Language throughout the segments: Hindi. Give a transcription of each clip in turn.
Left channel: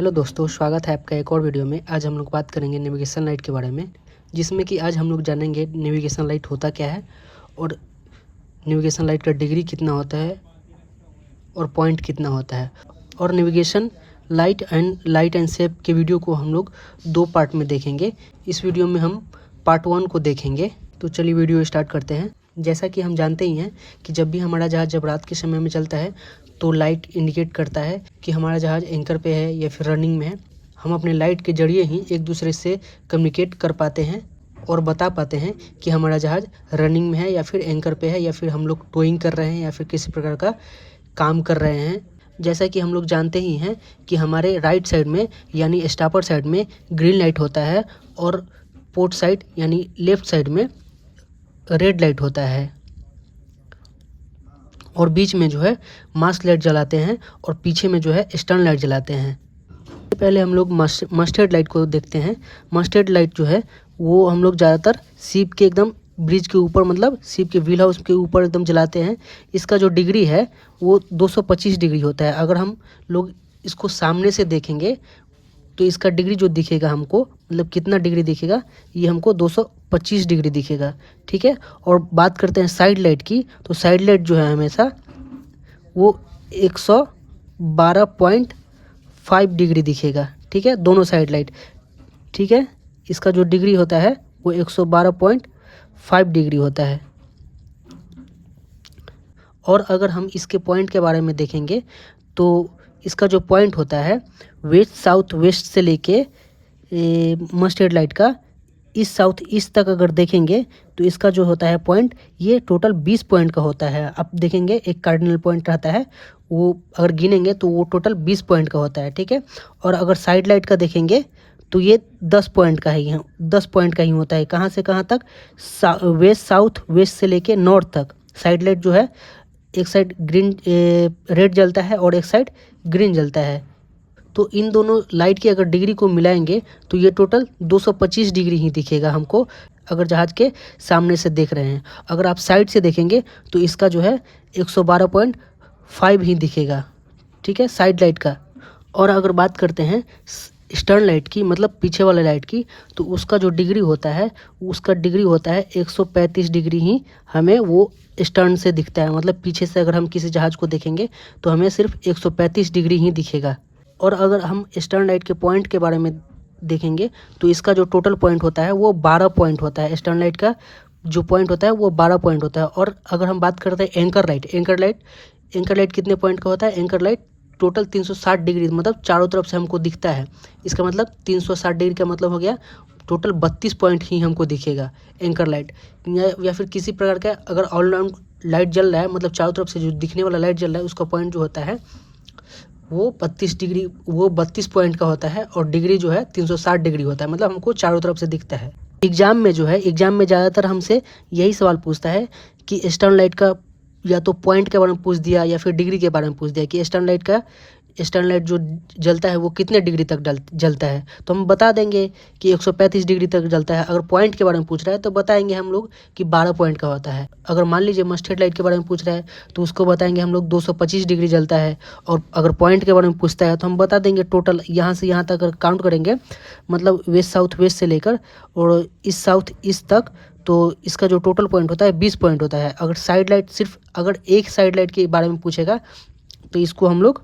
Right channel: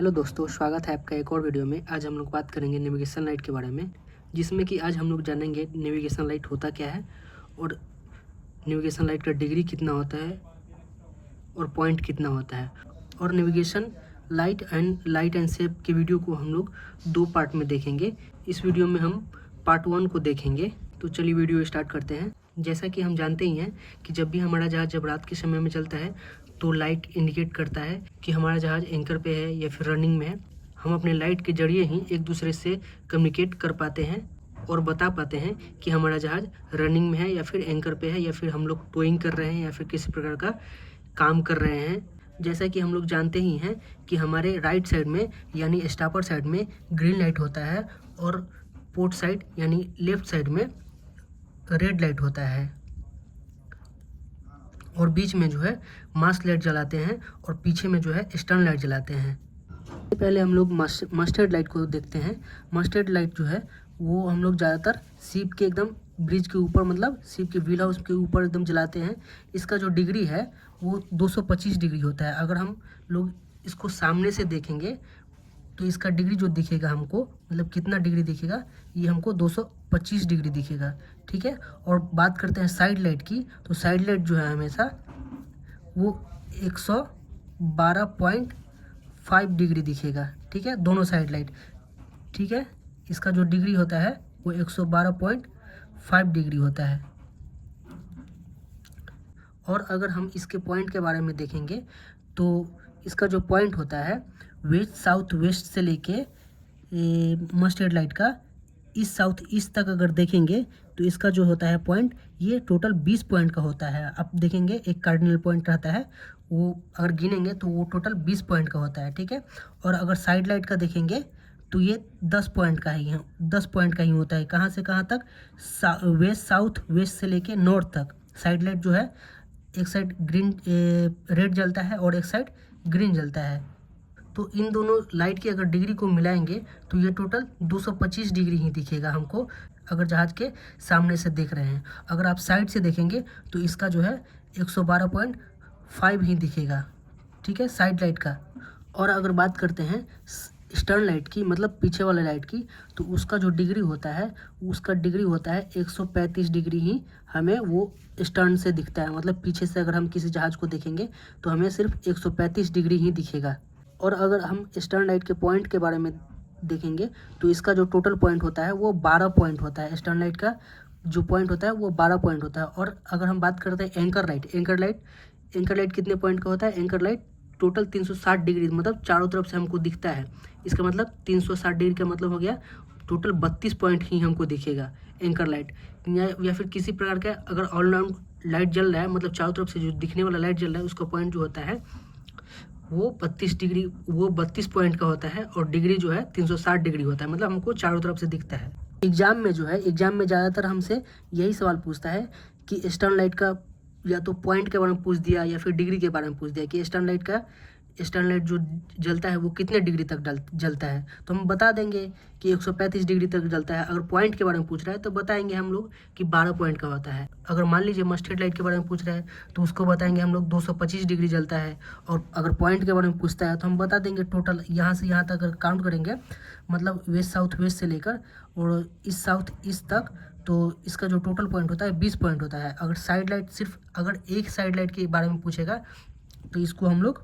हेलो दोस्तों, स्वागत है आपका एक और वीडियो में। आज हम लोग बात करेंगे नेविगेशन लाइट के बारे में, जिसमें कि आज हम लोग जानेंगे नेविगेशन लाइट होता क्या है और नेविगेशन लाइट का डिग्री कितना होता है और पॉइंट कितना होता है। और नेविगेशन लाइट एंड शेप के वीडियो को हम लोग दो पार्ट में देखेंगे। इस वीडियो में हम पार्ट 1 को देखेंगे। तो चलिए वीडियो स्टार्ट करते हैं। जैसा कि हम जानते ही हैं कि जब भी हमारा जहाज़ जब रात के समय में चलता है तो लाइट इंडिकेट करता है कि हमारा जहाज़ एंकर पे है या फिर रनिंग में है। हम अपने लाइट के जरिए ही एक दूसरे से कम्युनिकेट कर पाते हैं और बता पाते हैं कि हमारा जहाज़ रनिंग में है या फिर एंकर पे है या फिर हम लोग टोइंग कर रहे हैं या फिर किसी प्रकार का काम कर रहे हैं। जैसा कि हम लोग जानते ही हैं कि हमारे राइट साइड में यानी स्टापर साइड में ग्रीन लाइट होता है और पोर्ट साइड यानी लेफ़्ट साइड में रेड लाइट होता है, और बीच में जो है मास्क लाइट जलाते हैं और पीछे में जो है स्टर्न लाइट जलाते हैं। पहले हम लोग मस्टर्ड लाइट को देखते हैं। मस्टर्ड लाइट जो है वो हम लोग ज़्यादातर शिप के एकदम ब्रिज के ऊपर, मतलब शिप के व्हील हाउस के ऊपर एकदम जलाते हैं। इसका जो डिग्री है वो 225 डिग्री होता है। अगर हम लोग इसको सामने से देखेंगे तो इसका डिग्री जो दिखेगा हमको, मतलब कितना डिग्री दिखेगा, ये हमको 225 डिग्री दिखेगा। ठीक है। और बात करते हैं साइड लाइट की, तो साइड लाइट जो है हमेशा वो 112.5 डिग्री दिखेगा। ठीक है, दोनों साइड लाइट। ठीक है, इसका जो डिग्री होता है वो 112.5 डिग्री होता है। और अगर हम इसके पॉइंट के बारे में देखेंगे तो इसका जो पॉइंट होता है वेस्ट साउथ वेस्ट से लेके मस्टर्ड लाइट का ईस्ट साउथ ईस्ट तक अगर देखेंगे तो इसका जो होता है पॉइंट, ये टोटल 20 पॉइंट का होता है। आप देखेंगे एक कार्डिनल पॉइंट रहता है, वो अगर गिनेंगे तो वो टोटल 20 पॉइंट का होता है। ठीक है। और अगर साइड लाइट का देखेंगे तो ये 10 पॉइंट का ही है, 10 पॉइंट का ही होता है। कहाँ से कहाँ तक? वेस्ट साउथ वेस्ट से लेके नॉर्थ तक। साइड लाइट जो है एक साइड ग्रीन रेड जलता है और एक साइड ग्रीन जलता है। तो इन दोनों लाइट की अगर डिग्री को मिलाएंगे तो ये टोटल 225 डिग्री ही दिखेगा हमको, अगर जहाज़ के सामने से देख रहे हैं। अगर आप साइड से देखेंगे तो इसका जो है 112.5 ही दिखेगा। ठीक है, साइड लाइट का। और अगर बात करते हैं स्टर्न लाइट की, मतलब पीछे वाले लाइट की, तो उसका जो डिग्री होता है उसका डिग्री होता है 135 डिग्री ही हमें वो स्टर्न से दिखता है। मतलब पीछे से अगर हम किसी जहाज़ को देखेंगे तो हमें सिर्फ 135 डिग्री ही दिखेगा। और अगर हम स्टर्न लाइट के पॉइंट के बारे में देखेंगे तो इसका जो टोटल पॉइंट होता है वो 12 पॉइंट होता है। स्टर्न लाइट का जो पॉइंट होता है वो 12 पॉइंट होता है। और अगर हम बात करते हैं एंकर लाइट कितने पॉइंट का होता है? एंकर लाइट टोटल 360 डिग्री, मतलब चारों तरफ से हमको दिखता है। इसका मतलब 360 डिग्री का मतलब हो गया टोटल 32 पॉइंट ही हमको दिखेगा एंकर लाइट। या फिर किसी प्रकार का अगर ऑल राउंड लाइट जल रहा है, मतलब चारों तरफ से जो दिखने वाला लाइट जल रहा है, उसका पॉइंट जो होता है वो 32 पॉइंट का होता है और डिग्री जो है 360 डिग्री होता है, मतलब हमको चारों तरफ से दिखता है। एग्जाम में ज़्यादातर हमसे यही सवाल पूछता है कि स्टर्न लाइट का या तो पॉइंट के बारे में पूछ दिया या फिर डिग्री के बारे में पूछ दिया कि स्टर्न लाइट जो जलता है वो कितने डिग्री तक जलता है। तो हम बता देंगे कि 135 डिग्री तक जलता है। अगर पॉइंट के बारे में पूछ रहा है तो बताएंगे हम लोग कि 12 पॉइंट का होता है। अगर मान लीजिए मस्टर्ड लाइट के बारे में पूछ रहा है तो उसको बताएंगे हम लोग 225 डिग्री जलता है। और अगर पॉइंट के बारे में पूछता है तो हम बता देंगे टोटल यहाँ से यहाँ तक अगर काउंट करेंगे, मतलब वेस्ट साउथ वेस्ट से लेकर और ईस्ट साउथ ईस्ट तक, तो इसका जो टोटल पॉइंट होता है 20 पॉइंट होता है। अगर साइड लाइट सिर्फ अगर एक साइड लाइट के बारे में पूछेगा तो इसको हम लोग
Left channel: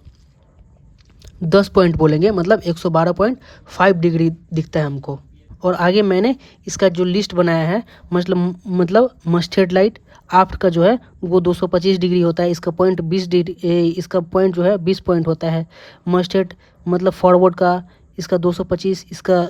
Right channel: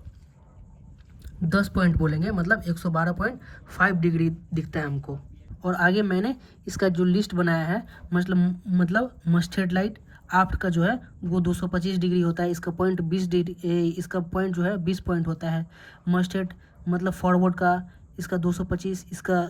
10 पॉइंट बोलेंगे, मतलब 112.5 डिग्री दिखता है हमको। और आगे मैंने इसका जो लिस्ट बनाया है, मतलब मस्टर्ड लाइट आफ्ट का जो है वो 225 डिग्री होता है। इसका पॉइंट 20 डिग्री, इसका पॉइंट जो है 20 पॉइंट होता है। मस्टर्ड मतलब फॉरवर्ड का इसका 225, इसका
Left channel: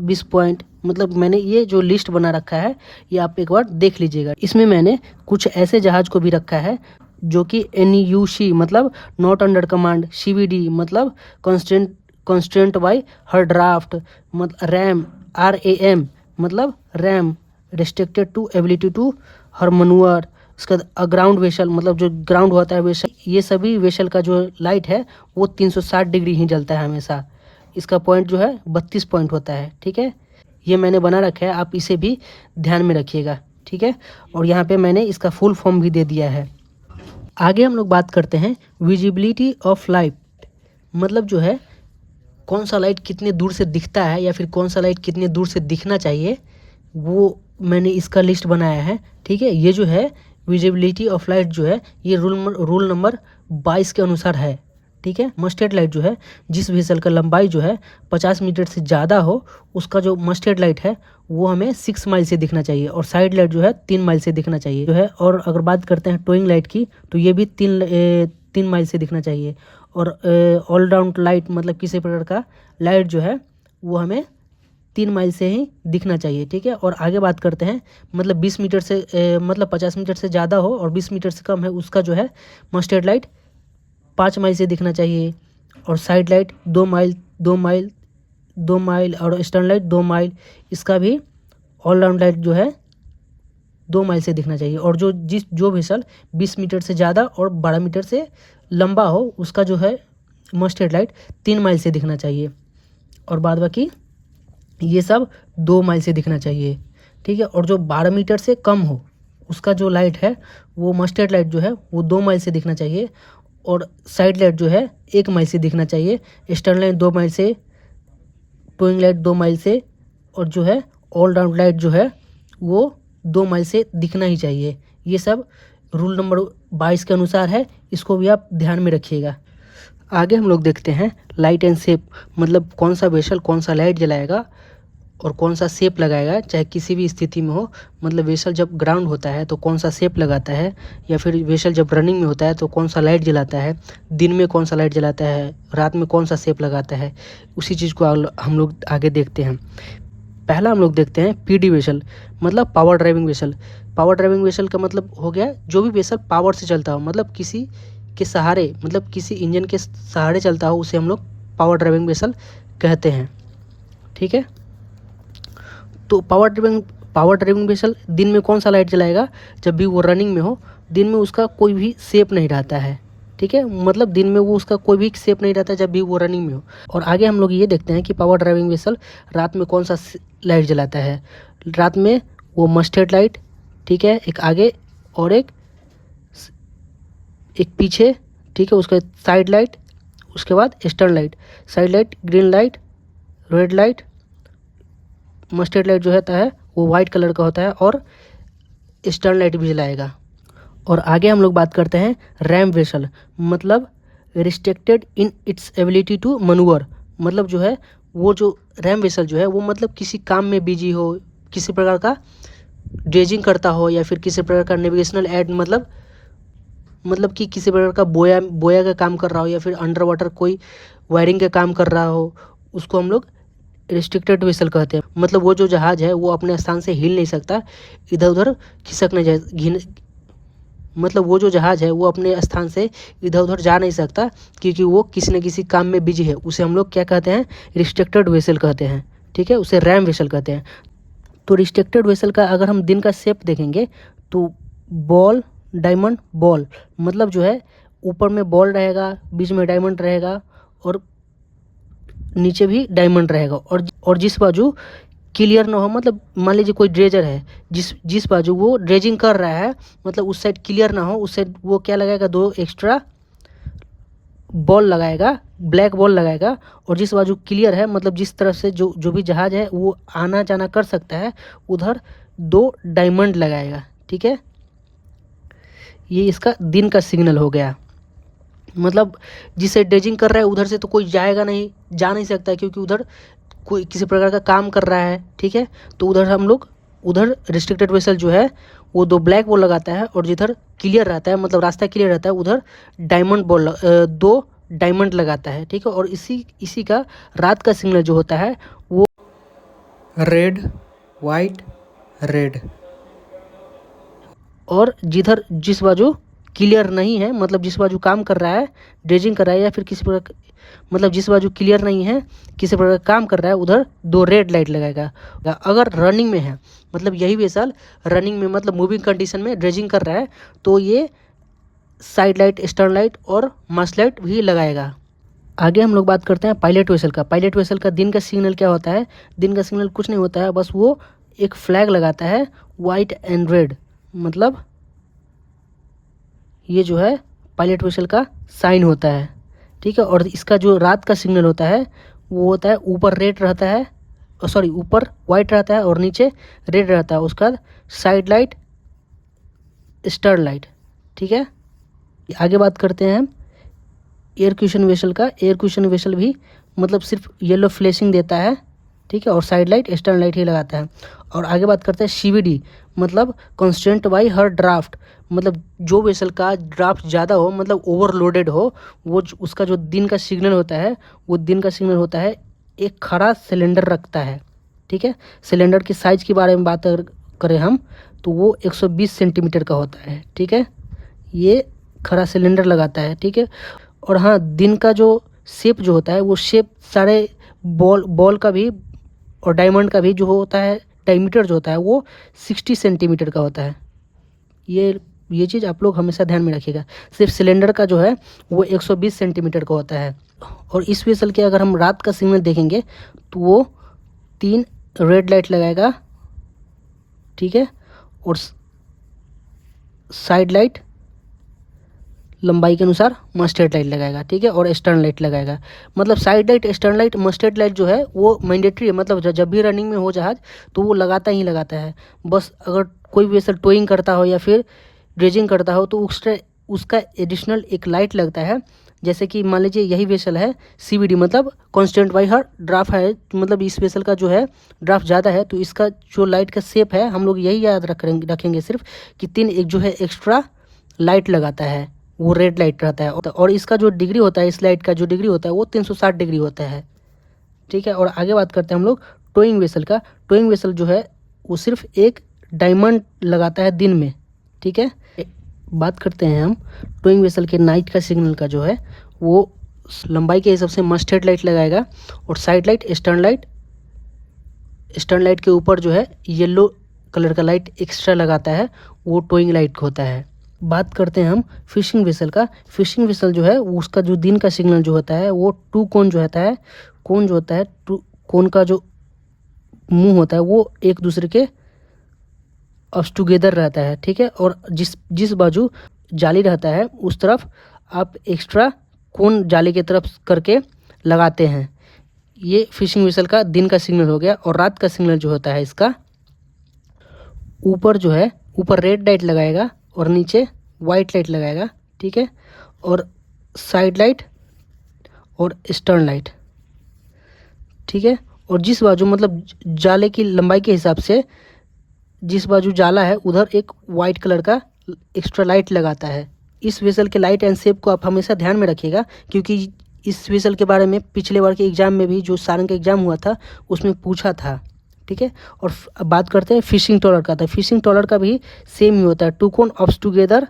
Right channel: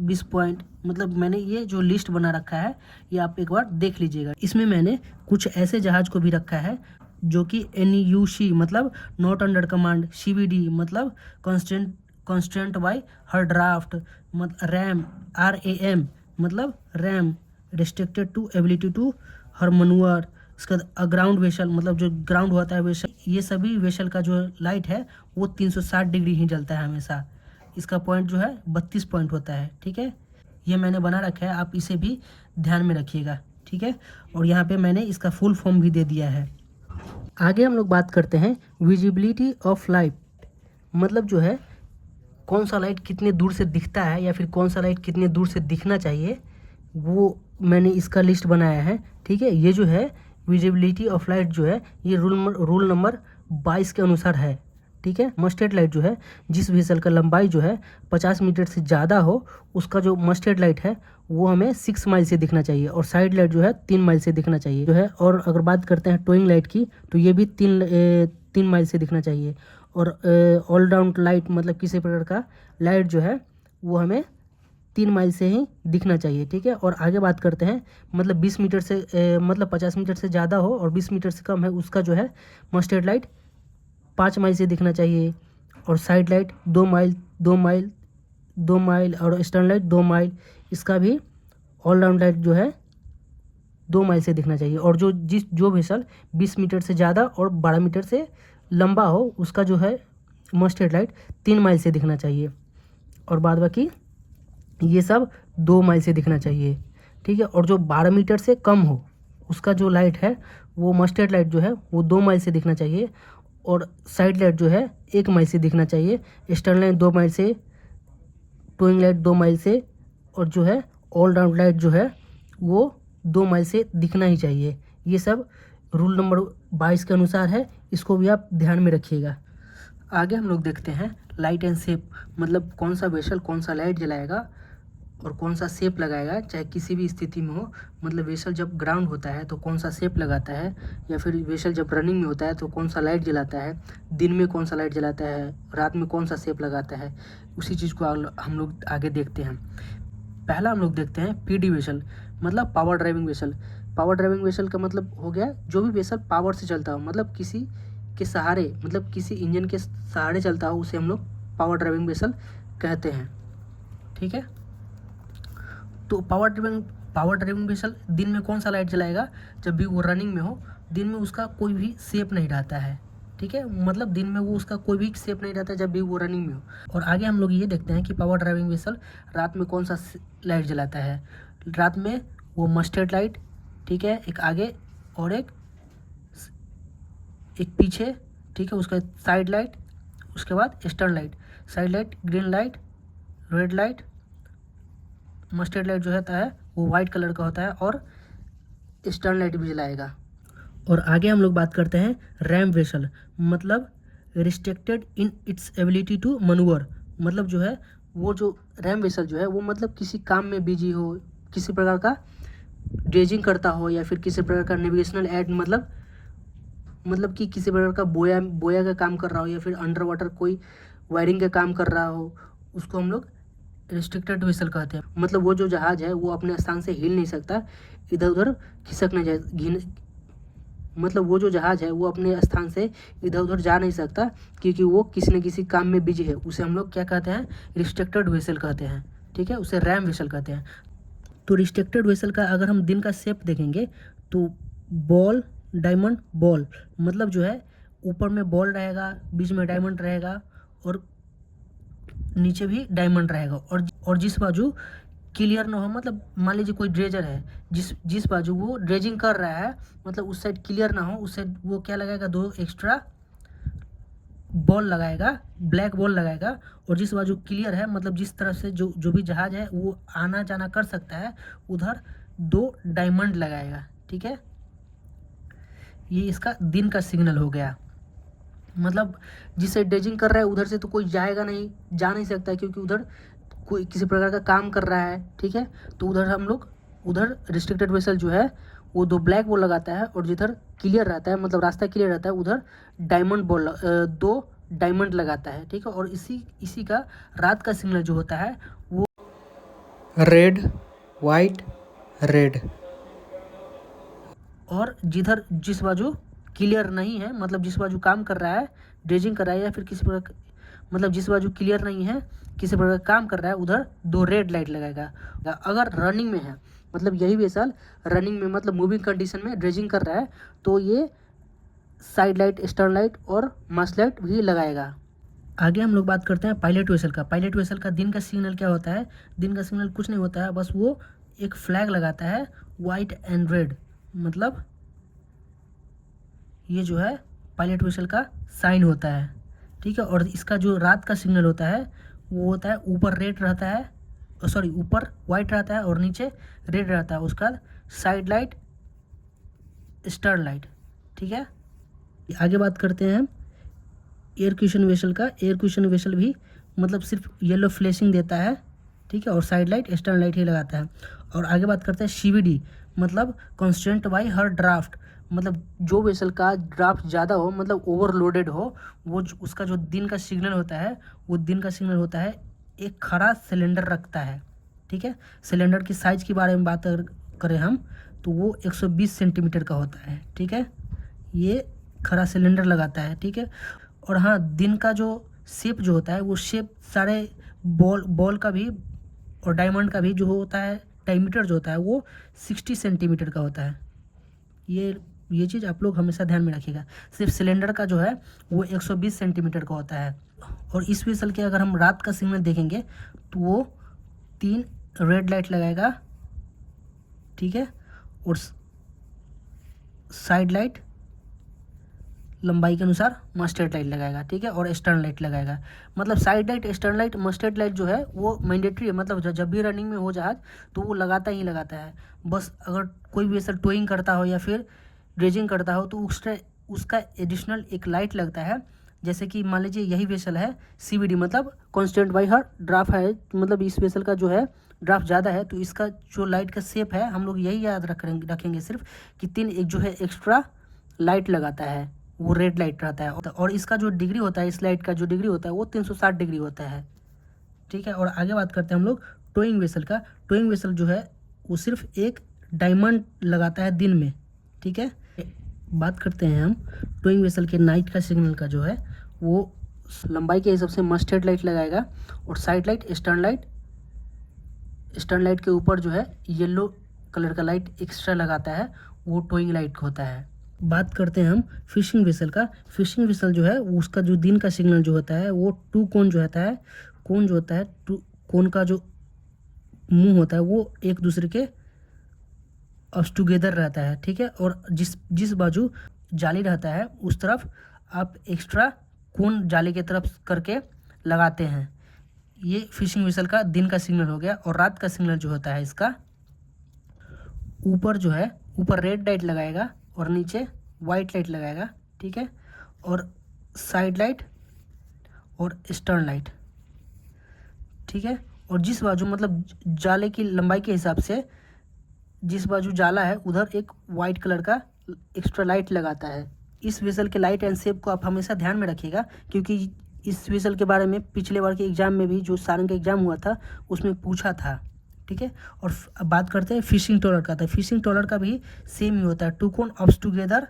20 पॉइंट। मतलब मैंने ये जो लिस्ट बना रखा है ये आप एक बार देख लीजिएगा। इसमें मैंने कुछ ऐसे जहाज़ को भी रखा है जो कि NUC मतलब नॉट अंडर कमांड, CVD मतलब कॉन्स्टेंट बाय हर ड्राफ्ट, मतलब RAM RAM मतलब RAM restricted to ability to her manoeuvre. इसका ग्राउंड वेसल मतलब जो ग्राउंड होता है वेसल, ये सभी वेसल का जो लाइट है वो 360 डिग्री ही जलता है हमेशा। इसका पॉइंट जो है 32 पॉइंट होता है। ठीक है, ये मैंने बना रखा है, आप इसे भी ध्यान में रखिएगा। ठीक है, और यहाँ पे मैंने इसका फुल फॉर्म भी दे दिया है। आगे हम लोग बात करते हैं विजिबिलिटी ऑफ लाइट, मतलब जो है कौन सा लाइट कितने दूर से दिखता है या फिर कौन सा लाइट कितने दूर से दिखना चाहिए, वो मैंने इसका लिस्ट बनाया है। ठीक है, ये जो है विजिबिलिटी ऑफ लाइट जो है ये रूल नंबर 22 के अनुसार है। ठीक है, मस्टर्ड लाइट जो है, जिस वेसल का लंबाई जो है 50 मीटर से ज़्यादा हो, उसका जो मस्टर्ड लाइट है वो हमें 6 माइल से दिखना चाहिए, और साइड लाइट जो है 3 माइल से दिखना चाहिए जो है। और अगर बात करते हैं टोइंग लाइट की, तो ये भी 3 माइल से दिखना चाहिए। और ऑल राउंड लाइट मतलब किसी प्रकार का लाइट जो है वो हमें 3 माइल से ही दिखना चाहिए। ठीक है, और आगे बात करते हैं, मतलब 20 मीटर से मतलब 50 मीटर से ज़्यादा हो और 20 मीटर से कम है, उसका जो है मस्टर्ड लाइट 5 माइल से दिखना चाहिए। और side light 2 mile 2 mile 2 mile और स्टर्न लाइट 2 माइल, इसका भी ऑल राउंड लाइट जो है 2 माइल से दिखना चाहिए। और जो वेसल 20 मीटर से ज़्यादा और 12 मीटर से लंबा हो, उसका जो है मस्टर्ड लाइट 3 माइल से दिखना चाहिए, और बाद बाकी ये सब 2 माइल से दिखना चाहिए। ठीक है, और जो 12 मीटर से कम हो, उसका जो लाइट है वो मस्टर्ड लाइट जो है वो 2 माइल से दिखना चाहिए, और साइड लाइट जो है 1 माइल से दिखना चाहिए, स्टर्न लाइट 2 माइल से, टोइंग लाइट 2 माइल से, और जो है ऑल राउंड लाइट जो है वो 2 माइल से दिखना ही चाहिए। ये सब रूल नंबर 22 के अनुसार है, इसको भी आप ध्यान में रखिएगा। आगे हम लोग देखते हैं लाइट एंड शेप, मतलब कौन सा वेसल कौन सा लाइट जलाएगा और कौन सा शेप लगाएगा, चाहे किसी भी स्थिति में हो। मतलब वेसल जब ग्राउंड होता है तो कौन सा शेप लगाता है, या फिर वेसल जब रनिंग में होता है तो कौन सा लाइट जलाता है, दिन में कौन सा लाइट जलाता है, रात में कौन सा शेप लगाता है, उसी चीज़ को हम लोग आगे देखते हैं। पहला हम लोग देखते हैं पीडी वेसल, मतलब power driving vessel. Power driving vessel का मतलब हो गया जो भी वेसल पावर से चलता हो, मतलब किसी के सहारे, मतलब किसी इंजन के सहारे चलता हो, उसे हम लोग पावर ड्राइविंग वेसल कहते हैं। ठीक है, तो पावर ड्राइविंग वेसल दिन में कौन सा लाइट जलाएगा, जब भी वो रनिंग में हो, दिन में उसका कोई भी शेप नहीं रहता है। ठीक है, मतलब दिन में वो उसका कोई भी शेप नहीं रहता जब भी वो रनिंग में हो। और आगे हम लोग ये देखते हैं कि पावर ड्राइविंग वेसल रात में कौन सा लाइट जलाता है। रात में वो मस्टर्ड लाइट, ठीक है, एक आगे और एक पीछे, ठीक है, उसके साइड लाइट, उसके बाद stern light. Side light green light, red light, mustard light जो होता है वो वाइट कलर का होता है, और स्टर्न लाइट भी जलाएगा। और आगे हम लोग बात करते हैं रैम वेसल, मतलब restricted in its ability to manoeuvre. मतलब जो है वो जो रैम वेसल जो है वो मतलब किसी काम में बिजी हो, किसी प्रकार का ड्रेजिंग करता हो, या फिर किसी प्रकार का नेविगेशनल एड, मतलब कि किसी प्रकार का बोया का काम कर रहा हो, या फिर अंडर वाटर कोई वायरिंग का काम कर रहा हो, उसको हम लोग रिस्ट्रिक्टेड वेसल कहते हैं। मतलब वो जो जहाज़ है वो अपने स्थान से हिल नहीं सकता, इधर उधर खिसक नहीं जाए, मतलब वो जो जहाज़ है वो अपने स्थान से इधर उधर जा नहीं सकता, क्योंकि वो किसी न किसी काम में बिजी है। उसे हम लोग क्या कहते हैं, रिस्ट्रिक्टेड वेसल कहते हैं। ठीक है, उसे रैम वेसल कहते हैं। तो रिस्ट्रिक्टेड वेसल का अगर हम दिन का शेप देखेंगे तो बॉल, डायमंड, बॉल, मतलब जो है ऊपर में बॉल रहेगा, बीच में डायमंड रहेगा, और नीचे भी डायमंड रहेगा। और जिस बाजू क्लियर ना हो, मतलब मान लीजिए कोई ड्रेजर है, जिस बाजू वो ड्रेजिंग कर रहा है, मतलब उस साइड क्लियर ना हो, उस साइड वो क्या लगाएगा, 2 एक्स्ट्रा बॉल लगाएगा, ब्लैक बॉल लगाएगा। और जिस बाजू क्लियर है, मतलब जिस तरफ से जो भी जहाज़ है वो आना जाना कर सकता है, उधर 2 डायमंड लगाएगा। ठीक है, ये इसका दिन का सिग्नल हो गया। मतलब जिसे ड्रेजिंग कर रहा है उधर से तो कोई जाएगा नहीं, जा नहीं सकता, क्योंकि उधर कोई किसी प्रकार का काम कर रहा है। ठीक है, तो उधर हम लोग रिस्ट्रिक्टेड वेसल जो है वो 2 ब्लैक बॉल लगाता है, और जिधर क्लियर रहता है, मतलब रास्ता क्लियर रहता है, उधर 2 डायमंड लगाता है। ठीक है, और इसी का रात का सिग्नल जो होता है वो रेड, वाइट, रेड। और जिस बाजू क्लियर नहीं है, मतलब जिस बाजू काम कर रहा है, ड्रेजिंग कर रहा है, या फिर किसी प्रकार, मतलब जिस बाजू क्लियर नहीं है, किसी प्रकार काम कर रहा है, उधर 2 रेड लाइट लगाएगा। अगर रनिंग में है, मतलब यही वेसल रनिंग में, मतलब मूविंग कंडीशन में ड्रेजिंग कर रहा है, तो ये साइड लाइट, स्टर्न लाइट और मस्ट लाइट भी लगाएगा। आगे हम लोग बात करते हैं पायलट वेसल का। पायलट वेसल का दिन का सिग्नल क्या होता है, दिन का सिग्नल कुछ नहीं होता है, बस वो एक फ्लैग लगाता है, वाइट एंड रेड, मतलब ये जो है पायलट वेसल का साइन होता है। ठीक है, और इसका जो रात का सिग्नल होता है वो होता है ऊपर रेड रहता है, सॉरी ऊपर वाइट रहता है और नीचे रेड रहता है। उसके बाद साइड लाइट, स्टर्न लाइट, ठीक है। आगे बात करते हैं हम एयर क्यूशन वेसल का। एयर क्यूशन वेसल भी मतलब सिर्फ येलो फ्लैशिंग देता है, ठीक है, और साइड लाइट स्टर्न लाइट ही लगाता है। और आगे बात करते हैं सीवीडी, मतलब कॉन्स्टेंट बाई हर ड्राफ्ट, मतलब जो वेसल का ड्राफ्ट ज़्यादा हो, मतलब ओवरलोडेड हो, वो उसका जो दिन का सिग्नल होता है, वो दिन का सिग्नल होता है एक खड़ा सिलेंडर रखता है, ठीक है। सिलेंडर की साइज के बारे में बात करें हम तो वो 120 सेंटीमीटर का होता है, ठीक है। ये खड़ा सिलेंडर लगाता है, ठीक है। और हाँ, दिन का जो शेप जो होता है वो शेप सारे बॉल का भी और डायमंड का भी जो होता है डायमीटर जो होता है वो 60 सेंटीमीटर का होता है। ये चीज़ आप लोग हमेशा ध्यान में रखिएगा। सिर्फ सिलेंडर का जो है वो 120 सेंटीमीटर का होता है। और इस वेसल के अगर हम रात का सिग्नल देखेंगे तो वो 3 रेड लाइट लगाएगा, ठीक है, और साइड लाइट लंबाई के अनुसार मस्टर्ड लाइट लगाएगा, ठीक है, और स्टर्न लाइट लगाएगा। मतलब side light, stern light, mustard light जो है वो मैंडेटरी है, मतलब जब भी रनिंग में हो जहाज तो वो लगाता ही लगाता है। बस अगर कोई भी वेसल टोइंग करता हो या फिर ड्रेजिंग करता हो तो उसका एडिशनल एक लाइट लगता है। जैसे कि मान लीजिए यही वेसल है सीवीडी, मतलब कांस्टेंट बाई हर ड्राफ्ट है, मतलब इस वेसल का जो है ड्राफ्ट ज़्यादा है तो इसका जो लाइट का शेप है हम लोग यही याद रखेंगे सिर्फ कि 3 एक जो है एक्स्ट्रा लाइट लगाता है, वो रेड लाइट रहता है। और इसका जो डिग्री होता है, इस लाइट का जो डिग्री होता है वो 360 डिग्री होता है, ठीक है। और आगे बात करते हैं हम लोग टोइंग वेसल का। टोइंग वेसल जो है वो सिर्फ एक डायमंड लगाता है दिन में, ठीक है। बात करते हैं हम टोइंग वेसल के नाइट का सिग्नल का जो है वो लंबाई के हिसाब से मस्टर्ड लाइट लगाएगा और साइड लाइट, स्टर्न लाइट के ऊपर जो है येलो कलर का लाइट एक्स्ट्रा लगाता है, वो टोइंग लाइट होता है। बात करते हैं हम फिशिंग वेसल का। फिशिंग वेसल जो है उसका जो दिन का सिग्नल जो होता है वो 2 कोन जो होता है, कोन जो होता है 2 कोन का जो मुंह होता है वो एक दूसरे के अप्स टुगेदर रहता है, ठीक है। और जिस बाजू जाली रहता है उस तरफ आप एक्स्ट्रा कोन जाली की तरफ करके लगाते हैं। ये फिशिंग वेसल का दिन का सिग्नल हो गया। और रात का सिग्नल जो होता है इसका ऊपर जो है ऊपर रेड लाइट लगाएगा और नीचे वाइट लाइट लगाएगा, ठीक है, और साइड लाइट और स्टर्न लाइट, ठीक है। और जिस बाजू मतलब जाले की लंबाई के हिसाब से जिस बाजू जाला है उधर एक वाइट कलर का एक्स्ट्रा लाइट लगाता है। इस वेसल के लाइट एंड शेप को आप हमेशा ध्यान में रखिएगा क्योंकि इस वेसल के बारे में पिछले बार के एग्जाम में भी जो सारंग का एग्जाम हुआ था उसमें पूछा था, ठीक है। और अब बात करते हैं फिशिंग ट्रॉलर का। तो फिशिंग ट्रॉलर का भी सेम ही होता है, 2 कोन अप्स टुगेदर,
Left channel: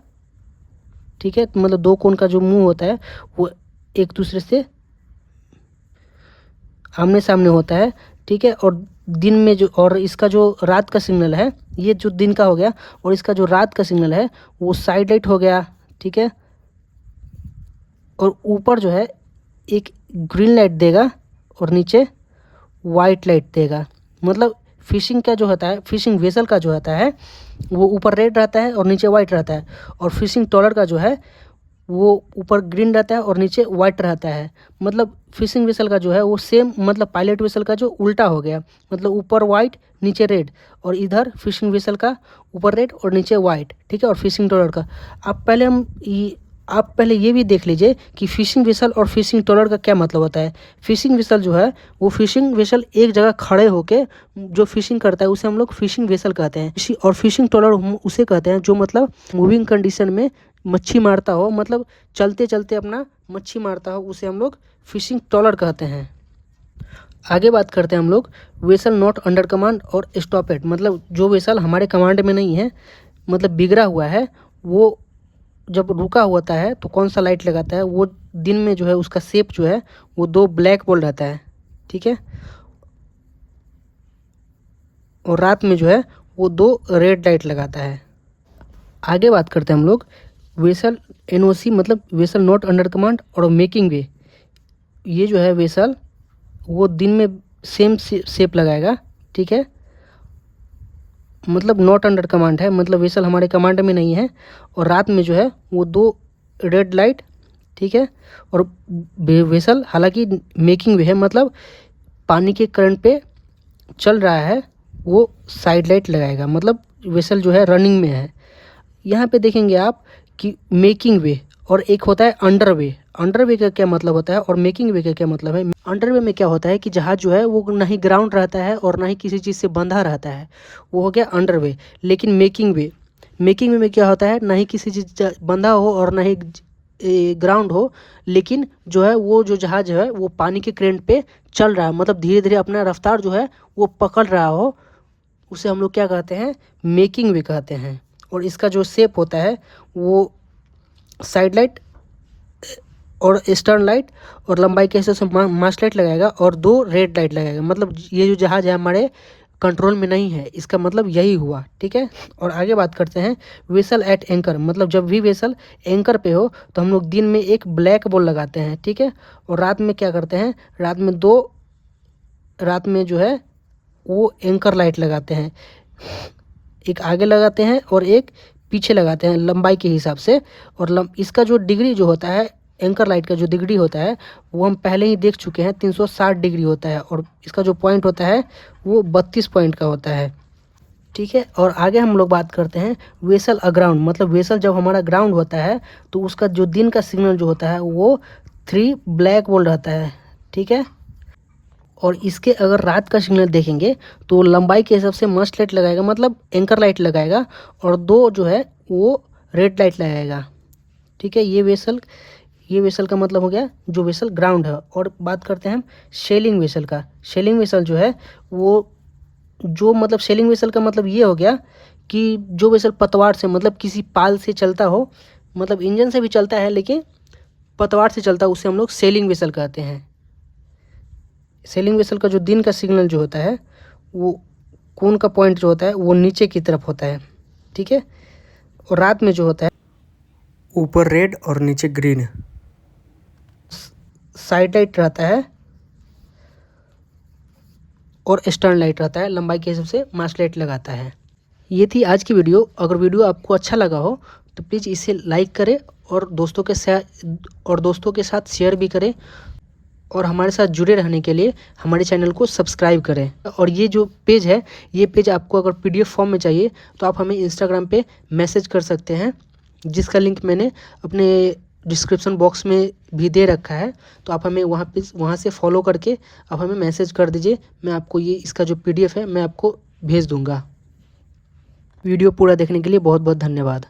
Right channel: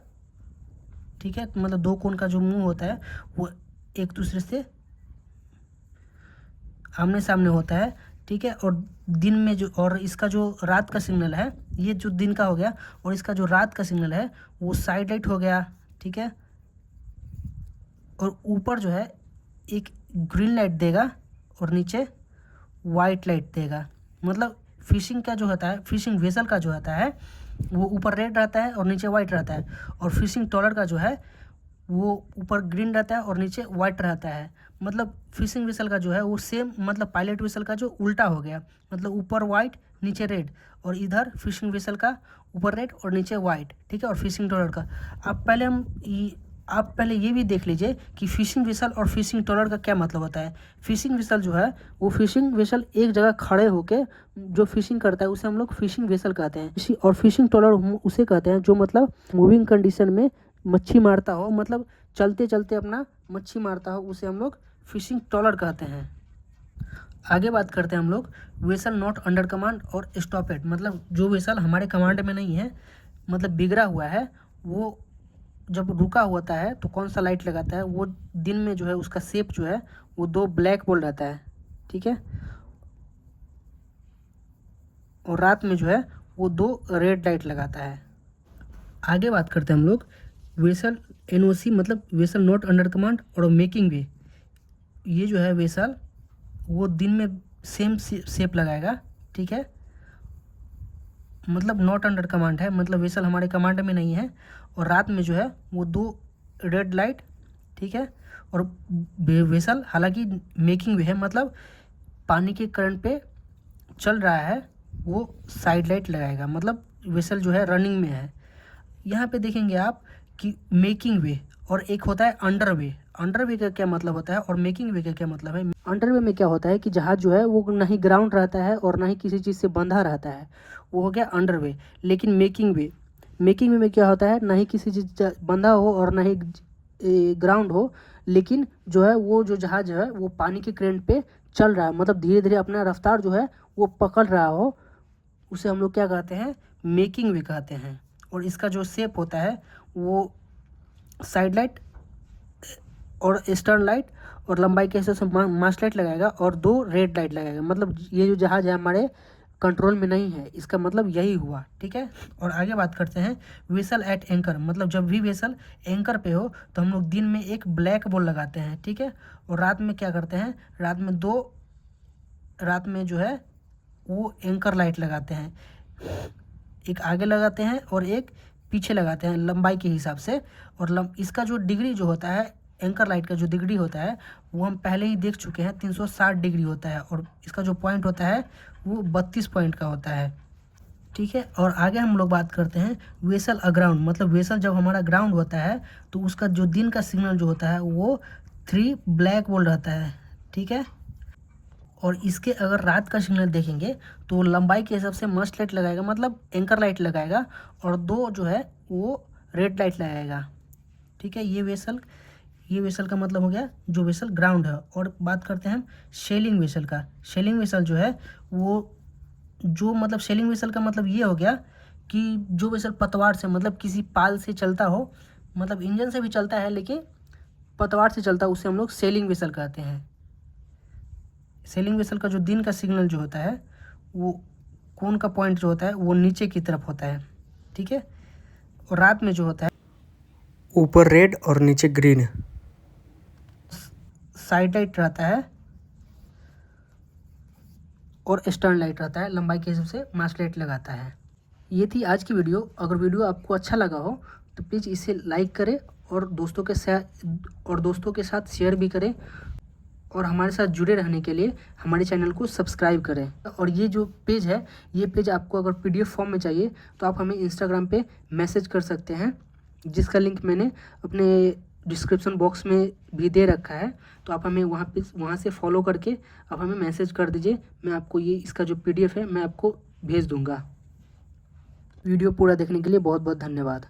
ठीक है, तो मतलब 2 कोन का जो मुंह होता है वो एक दूसरे से आमने सामने होता है, ठीक है। और दिन में जो और इसका जो रात का सिग्नल है, ये जो दिन का हो गया, और इसका जो रात का सिग्नल है वो साइड लाइट हो गया, ठीक है। और ऊपर जो है एक ग्रीन लाइट देगा और नीचे वाइट लाइट देगा। मतलब फिशिंग का जो होता है, फिशिंग वेसल का जो होता है वो ऊपर रेड रहता है और नीचे वाइट रहता है। और फिशिंग ट्रॉलर का जो है वो ऊपर ग्रीन रहता है और नीचे वाइट रहता है। मतलब फिशिंग वेसल का जो है वो सेम, मतलब पायलट वेसल का जो उल्टा हो गया, मतलब ऊपर वाइट नीचे रेड, और इधर फिशिंग वेसल का ऊपर रेड और नीचे वाइट, ठीक है। और फिशिंग ट्रॉलर का आप पहले ये भी देख लीजिए कि फिशिंग वेसल और फिशिंग ट्रॉलर का क्या मतलब होता है। फिशिंग वेसल जो है वो फिशिंग वेसल एक जगह खड़े होके जो फिशिंग करता है उसे हम लोग फिशिंग वेसल कहते हैं। और फिशिंग ट्रॉलर उसे कहते हैं जो मतलब मूविंग कंडीशन में मच्छी मारता हो, मतलब चलते चलते अपना मच्छी मारता हो, उसे हम लोग फिशिंग ट्रॉलर कहते हैं। आगे बात करते हैं हम लोग वेसल नॉट अंडर कमांड और स्टॉपेड, मतलब जो वेसल हमारे कमांड में नहीं है, मतलब बिगड़ा हुआ है, वो जब रुका होता है तो कौन सा लाइट लगाता है, वो दिन में जो है उसका शेप जो है वो 2 ब्लैक बॉल रहता है, ठीक है, और रात में जो है वो 2 रेड लाइट लगाता है। आगे बात करते हैं हम लोग वेसल एनओसी, मतलब वेसल नॉट अंडर कमांड और मेकिंग वे। ये जो है वेसल वो दिन में सेम शेप लगाएगा, ठीक है, मतलब नॉट अंडर कमांड है, मतलब वेसल हमारे कमांड में नहीं है, और रात में जो है वो 2 रेड लाइट, ठीक है। और वेसल हालांकि मेकिंग वे है, मतलब पानी के करंट पे चल रहा है, वो साइड लाइट लगाएगा, मतलब वेसल जो है रनिंग में है। यहाँ पे देखेंगे आप कि मेकिंग वे और एक होता है अंडर वे। अंडर वे का क्या मतलब होता है और मेकिंग वे का क्या मतलब है? अंडर वे में क्या होता है कि जहाज जो है वो ना ही ग्राउंड रहता है और ना ही किसी चीज़ से बंधा रहता है, वो हो गया अंडर वे। लेकिन मेकिंग वे में क्या होता है, ना ही किसी चीज़ बंधा हो और ना ही ग्राउंड हो, लेकिन जो है वो जो जहाज है वो पानी के करंट पे चल रहा है, मतलब धीरे धीरे अपना रफ्तार जो है वो पकड़ रहा हो, उसे हम लोग क्या कहते हैं? मेकिंग वे कहते हैं। और इसका जो शेप होता है वो साइड लाइट और स्टर्न लाइट और लंबाई के हिसाब से मास्ट लाइट लगाएगा और 2 रेड लाइट लगाएगा। मतलब ये जो जहाज है हमारे कंट्रोल में नहीं है, इसका मतलब यही हुआ, ठीक है। और आगे बात करते हैं वेसल एट एंकर, मतलब जब भी वेसल एंकर पे हो तो हम लोग दिन में एक ब्लैक बॉल लगाते हैं, ठीक है। और रात में क्या करते हैं? रात में जो है वो एंकर लाइट लगाते हैं, एक आगे लगाते हैं और एक पीछे लगाते हैं लंबाई के हिसाब से। और इसका जो डिग्री जो होता है, एंकर लाइट का जो डिग्री होता है वो हम पहले ही देख चुके हैं, 360 डिग्री होता है। और इसका जो पॉइंट होता है वो 32 पॉइंट का होता है, ठीक है। और आगे हम लोग बात करते हैं वेसल अग्राउंड, मतलब वेसल जब हमारा ग्राउंड होता है तो उसका जो दिन का सिग्नल जो होता है वो 3 ब्लैक बोल्ट रहता है, ठीक है। और इसके अगर रात का सिग्नल देखेंगे तो लंबाई के हिसाब से मस्ट लाइट लगाएगा, मतलब एंकर लाइट लगाएगा, और 2 जो है वो रेड लाइट लगाएगा, ठीक है। ये वेसल का मतलब हो गया जो वेसल ग्राउंड है। और बात करते हैं हम सेलिंग वेसल का। सेलिंग वेसल जो है वो जो मतलब सेलिंग वेसल का मतलब ये हो गया कि जो वेसल पतवार से, मतलब किसी पाल से चलता हो, मतलब इंजन से भी चलता है लेकिन पतवार से चलता है, उसे हम लोग सेलिंग वेसल कहते हैं। सेलिंग वेसल का जो दिन का सिग्नल जो होता है वो कोन का पॉइंट जो होता है वो नीचे की तरफ होता है, ठीक है। और रात में जो होता है ऊपर रेड और नीचे ग्रीन, साइड लाइट रहता है और स्टर्न लाइट रहता है, लंबाई के हिसाब से मास्ट लाइट लगाता है। ये थी आज की वीडियो। अगर वीडियो आपको अच्छा लगा हो तो प्लीज़ इसे लाइक करें और दोस्तों के साथ शेयर भी करें, और हमारे साथ जुड़े रहने के लिए हमारे चैनल को सब्सक्राइब करें। और ये जो पेज है, ये पेज आपको अगर PDF फॉर्म में चाहिए तो आप हमें इंस्टाग्राम पे मैसेज कर सकते हैं, जिसका लिंक मैंने अपने डिस्क्रिप्शन बॉक्स में भी दे रखा है। तो आप हमें वहाँ से फॉलो करके आप हमें मैसेज कर दीजिए, मैं आपको ये इसका जो PDF है मैं आपको भेज दूँगा। वीडियो पूरा देखने के लिए बहुत बहुत धन्यवाद।